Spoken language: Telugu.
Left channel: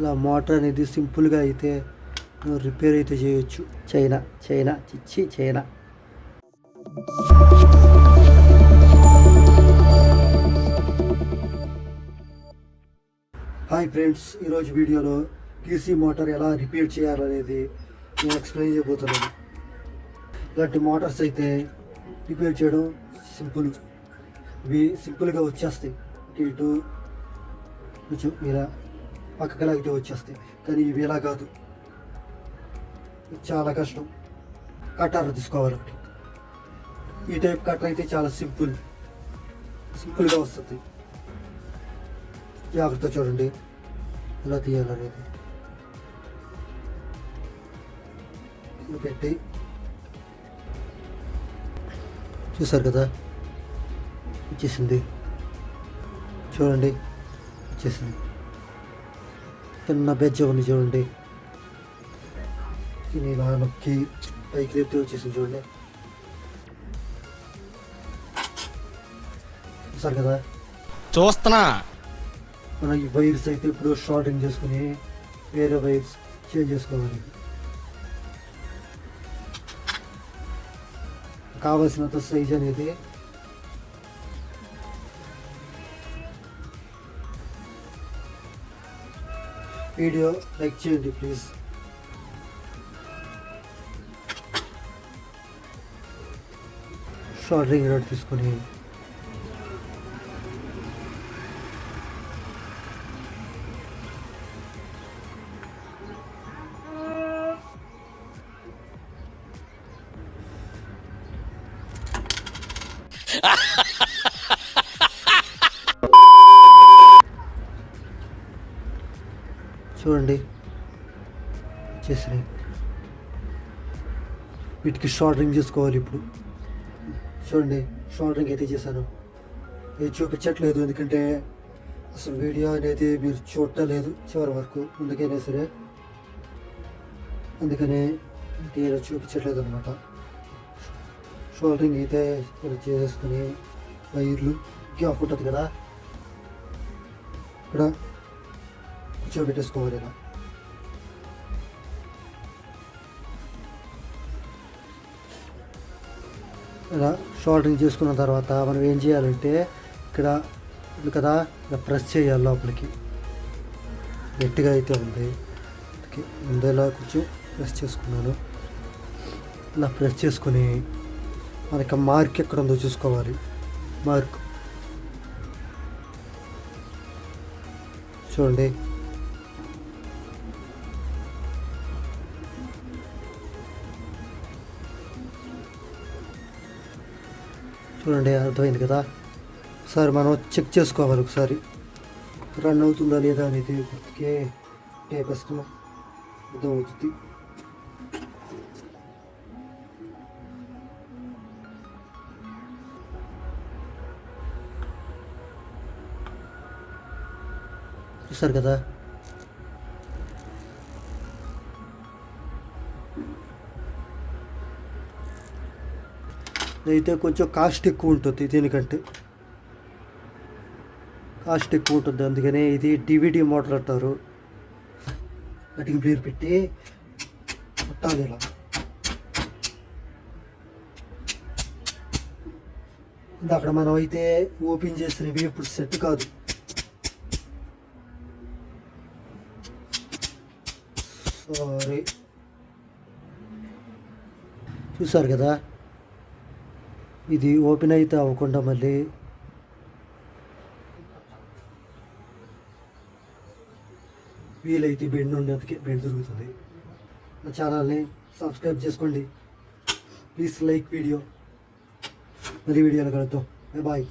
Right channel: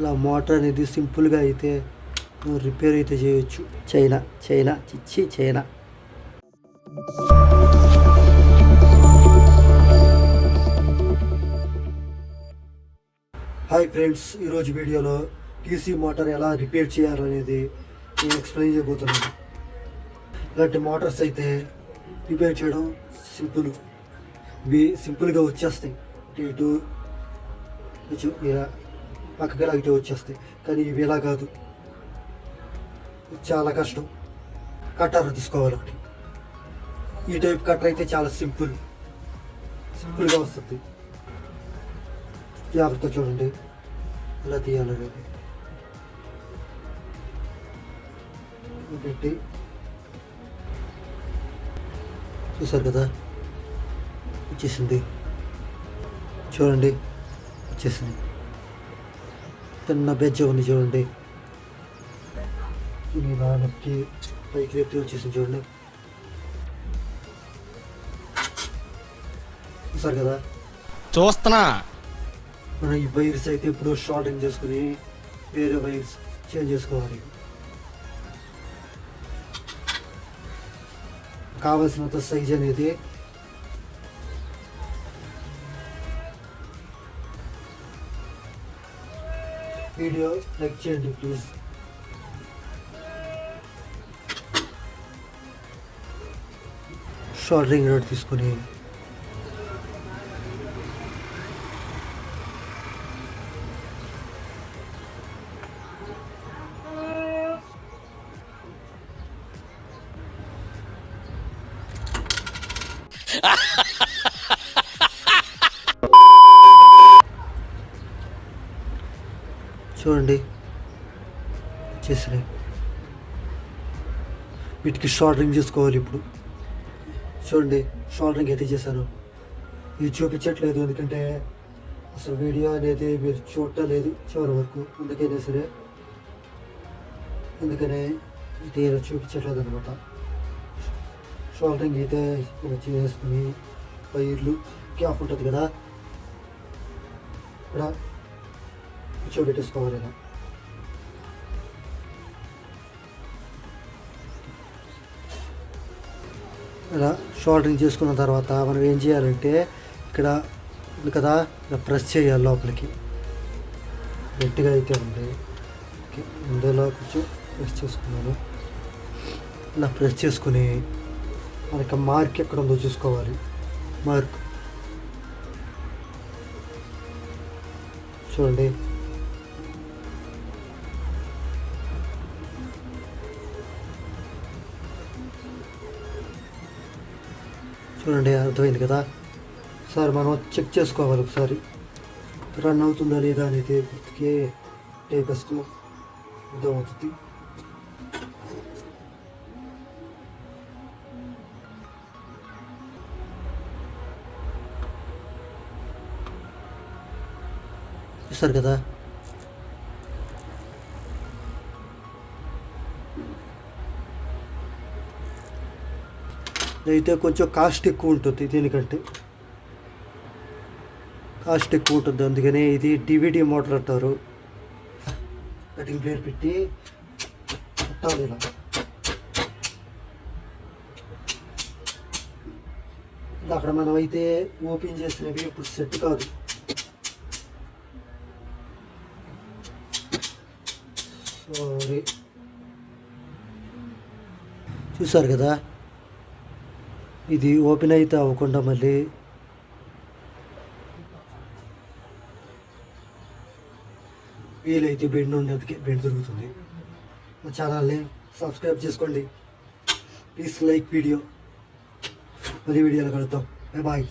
ఇలా మోటార్ అనేది సింపుల్గా అయితే రిపేర్ అయితే చేయొచ్చు. చైనా చిచ్చి చైనా. హాయ్ ఫ్రెండ్స్, ఈరోజు వీడియోలో టీసీ మోటార్ ఎలా రిపేర్ చేయాలనేది నేను ఎక్స్ప్లెయిన్ చేయబోతున్నాను. ఇలాంటి మోటార్స్ అయితే రిపేర్ చేయడం ఇవి సింపుల్గా వచ్చేస్తాయి. ఇటు కొంచెం ఇలా పక్కగా లాగితే వచ్చేస్తాయి, కానీ ఇవి ఎలా కాదు, చాలా కష్టం. కట్టర్ తీసుకోవాలి ఒకటి. ఈ టైప్ కట్టర్ అయితే చాలా సింపుల్గా వస్తుంది. జాగ్రత్త చూడండి ఎలా తీయాలనేది. పెట్టి చూసారు కదా, వచ్చేసింది. చూడండి వచ్చేసింది. చిన్న బెజ్జ ఉంది చూడండి. ఇలా నొక్కి పైకి లేపితే వచ్చేసింది చూడండి. చూసారు కదా, చూస్తున్నా. మనం ఈ వైర్స్ అయితే ఇప్పుడు షార్టింగ్ చేసుకుని వేరే వైర్స్ చేంజ్ చేసుకోవాలి. కావాల్సినంత సైజ్ అనేది వీడియో లైక్ చేయండి ప్లీజ్. షార్టింగ్ రోడ్ తీసుకొని చూడండి చేసినాయి. వీటికి షార్టరింగ్ చేసుకోవాలి. ఇప్పుడు చూడండి షార్టరింగ్ అయితే చేశాను. ఇది చూపించట్లేదు ఎందుకంటే అసలు వీడియో అనేది మీరు చూడలేదు చివరి వరకు, అందుకైనా సరే అందుకనే ఇది చూపించట్లేదు అనమాట. షార్టరింగ్ అయితే చేసేసుకుని వైర్లు గ్యాప్ ఉంటుంది కదా, ఇక్కడ కూర్చోబెట్టేసుకోవాలి. ఇలా షార్టరింగ్ చేసుకున్న తర్వాత మనం ఏం చేయాలంటే ఇక్కడ ఉంది కదా, ఇలా ప్రెస్ చేయాలి లోపలికి. గట్టిగా అయితే ఉంది, ముందేలా కొంచెం ప్రెస్ చేసుకున్నాను. ఇలా ప్రెస్ చేసుకుని మనకి మార్క్ ఎక్కడ ఉందో చూసుకోవాలి. మార్క్ చూడండి. చూడండి అర్థమైంది కదా. ఒకసారి మనం చెక్ చేసుకోవాలి, ఒకసారి రన్ అవుతుందా లేదా అనేది టేప్ వేసుకుని అర్థమవుతుంది. చూస్తారు కదా, అయితే కొంచెం కాస్ట్ ఎక్కువ ఉంటుంది, దీనికంటే కాస్ట్ ఎక్కువ ఉంటుంది. అందుకనే ఇది డివిడి మోటార్ అంటారు. కటింగ్ ప్లేట్ పెట్టి కుట్టాలి ఇలా. అక్కడ మనం అయితే ఓపెన్ చేసినవి ఇప్పుడు సెట్ కాదు. సారీ, చూసారు కదా, ఇది ఓపెన్ అయితే అవ్వకుండా మళ్ళీ వీలైతే బెండ్ ఉండేందుకే బెండ్ దొరుకుతుంది. నా ఛానల్ని సబ్స్క్రైబ్ చేసుకోండి ప్లీజ్. లైక్ వీడియో, మరి వీడియోలో కలుద్దాం. బాయ్.